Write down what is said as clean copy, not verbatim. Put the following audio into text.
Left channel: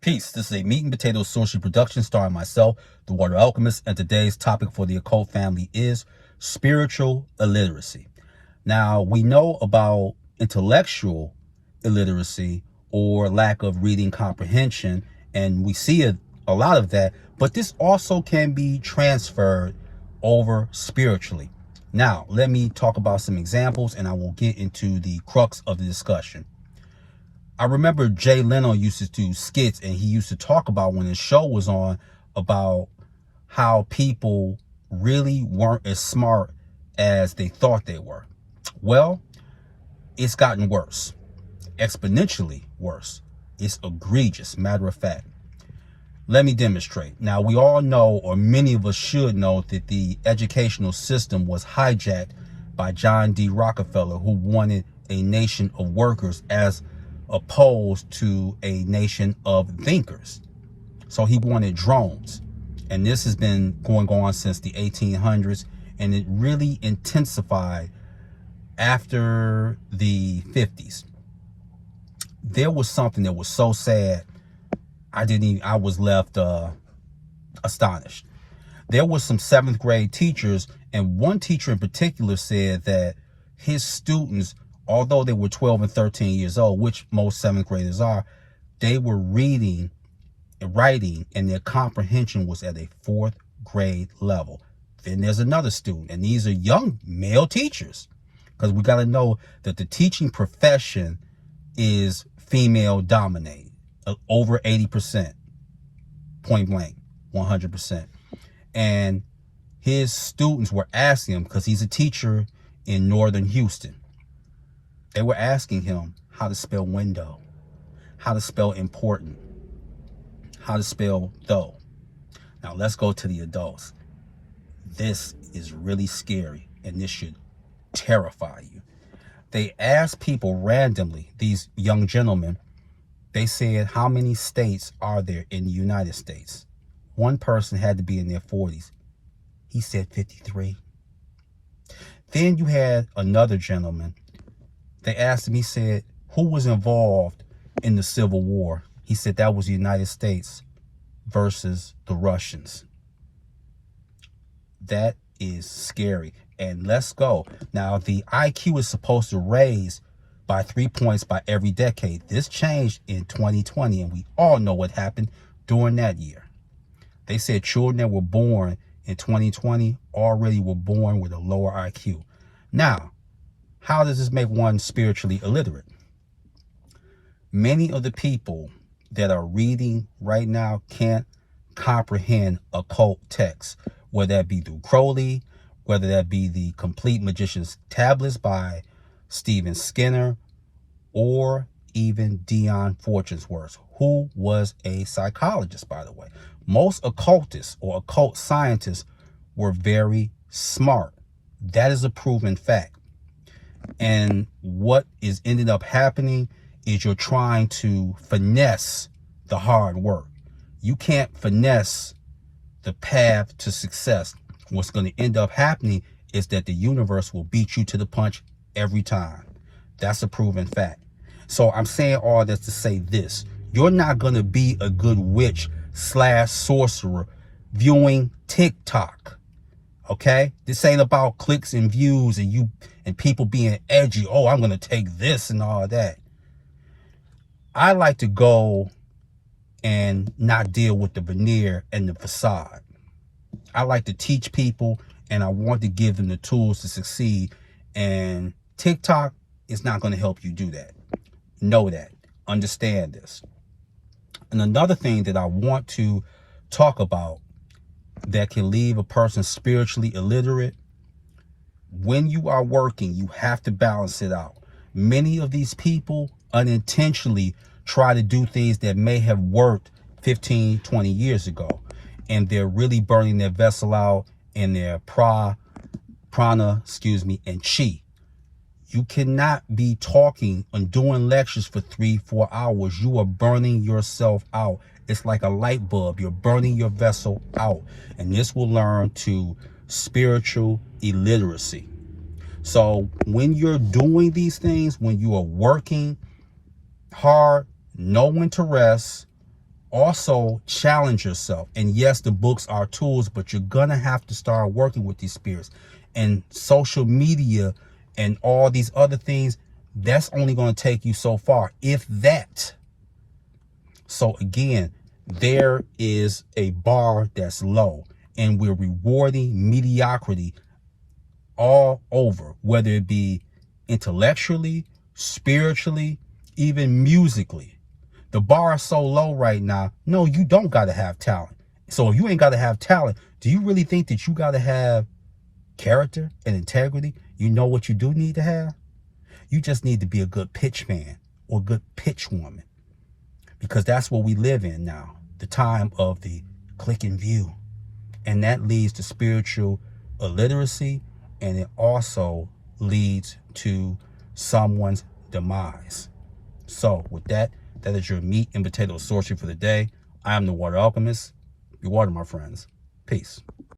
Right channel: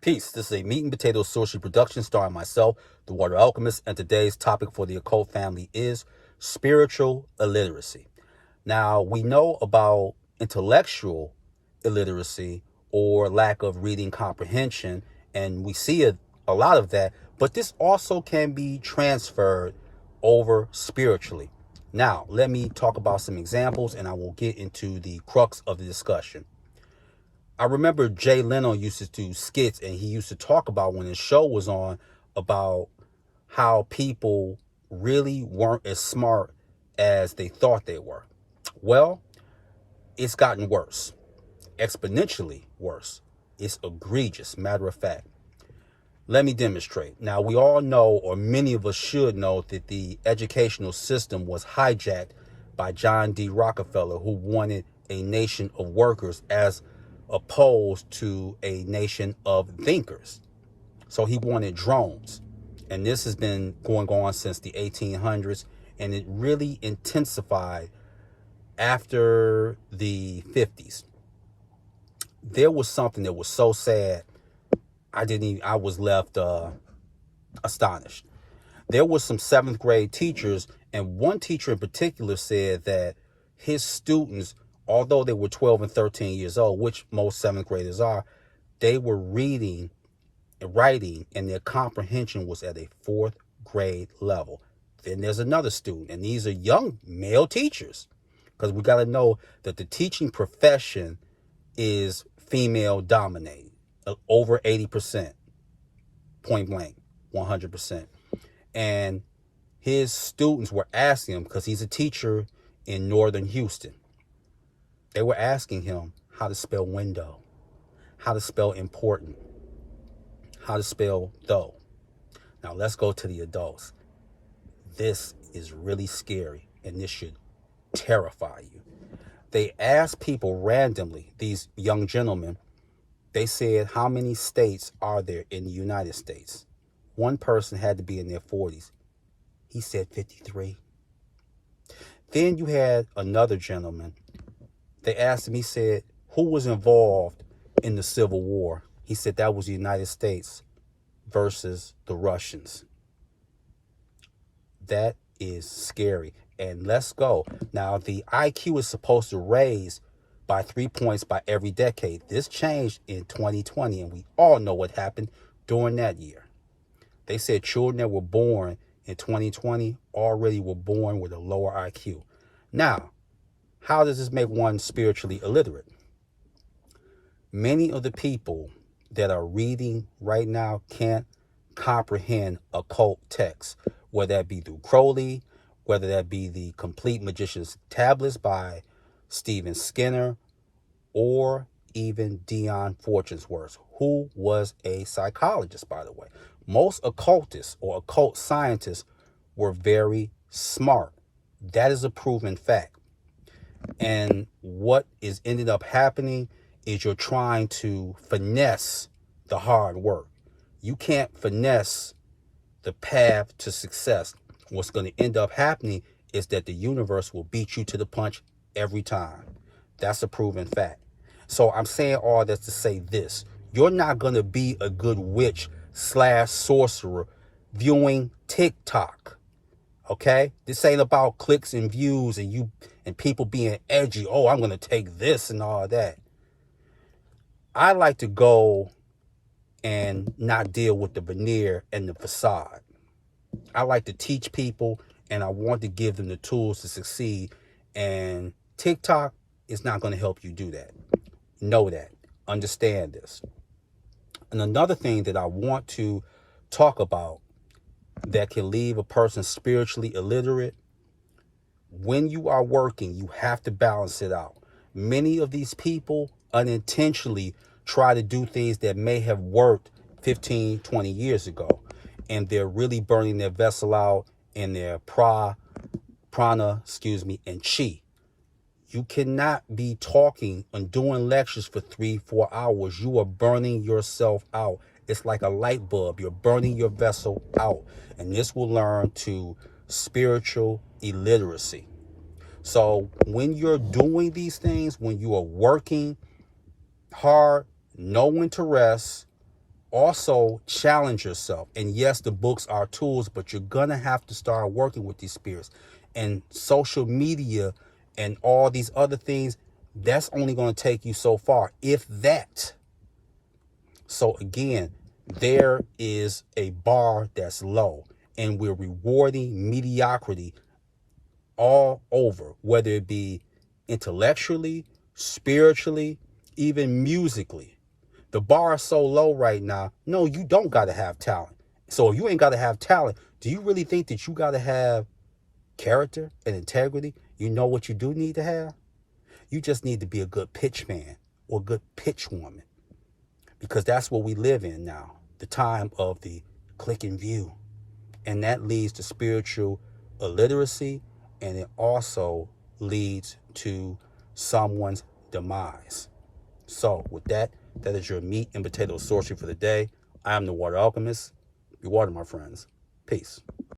Peace. This is a meat and potato social production starring myself, the Water Alchemist, and today's topic for the occult family is spiritual illiteracy. Now, we know about intellectual illiteracy or lack of reading comprehension, and we see a lot of that, but this also can be transferred over spiritually. Now, let me talk about some examples, and I will get into the crux of the discussion. I remember Jay Leno used to do skits, and he used to talk about when his show was on about how people really weren't as smart as they thought they were. Well, it's gotten worse, exponentially worse. It's egregious, matter of fact. Let me demonstrate. Now, we all know, or many of us should know, that the educational system was hijacked by John D Rockefeller, who wanted a nation of workers as opposed to a nation of thinkers. So he wanted drones. And this has been going on since the 1800s, and it really intensified after the 50s. There was something that was so sad, I was left astonished. There was some 7th grade teachers, and one teacher in particular said that his students, although they were 12 and 13 years old, which most 7th graders are, they were reading and writing, and their comprehension was at a 4th grade level. Then there's another student, and these are young male teachers, because we got to know that the teaching profession is female dominated, over 80%, point blank, 100%. And his students were asking him, because he's a teacher in northern Houston, they were asking him how to spell window, how to spell important, how to spell though. Now let's go to the adults. This is really scary, and this should terrify you. They asked people randomly, these young gentlemen, they said, how many states are there in the United States? One person had to be in their 40s. He said 53. Then you had another gentleman. They asked him, he said, who was involved in the Civil War? He said that was the United States versus the Russians. That is scary. And let's go. Now, the IQ is supposed to raise by 3 points by every decade. This changed in 2020, and we all know what happened during that year. They said children that were born in 2020 already were born with a lower IQ. Now, how does this make one spiritually illiterate? Many of the people that are reading right now can't comprehend occult texts, whether that be through Crowley, whether that be the Complete Magician's Tablets by Stephen Skinner, or even Dion Fortunesworth, who was a psychologist, by the way. Most occultists or occult scientists were very smart. That is a proven fact. And what is ended up happening is you're trying to finesse the hard work. You can't finesse the path to success. What's going to end up happening is that the universe will beat you to the punch every time. That's a proven fact. So I'm saying all this to say this. You're not going to be a good witch / sorcerer viewing TikTok. Okay? This ain't about clicks and views and people being edgy. Oh, I'm going to take this and all of that. I like to go and not deal with the veneer and the facade. I like to teach people, and I want to give them the tools to succeed. And TikTok is not going to help you do that. Know that. Understand this. And another thing that I want to talk about that can leave a person spiritually illiterate, when you are working, you have to balance it out. Many of these people unintentionally try to do things that may have worked 15, 20 years ago, and they're really burning their vessel out in their prana, and chi. You cannot be talking and doing lectures for 3-4 hours. You are burning yourself out. It's like a light bulb. You're burning your vessel out. And this will learn to spiritual illiteracy. So when you're doing these things, when you are working hard, know when to rest, Also challenge yourself. And yes, the books are tools, but you're gonna have to start working with these spirits. And social media and all these other things, that's only going to take you so far, if that. So again, there is a bar that's low, and we're rewarding mediocrity all over, whether it be intellectually, spiritually, even musically. The bar is so low right now. No, you don't got to have talent. So if you ain't got to have talent, do you really think that you got to have character and integrity? You know what you do need to have? You just need to be a good pitch man or good pitch woman, because that's what we live in now, the time of the click and view. And that leads to spiritual illiteracy, and it also leads to someone's demise. So with that, that is your meat and potato sorcery for the day. I am the Water Alchemist. Be water, my friends. Peace.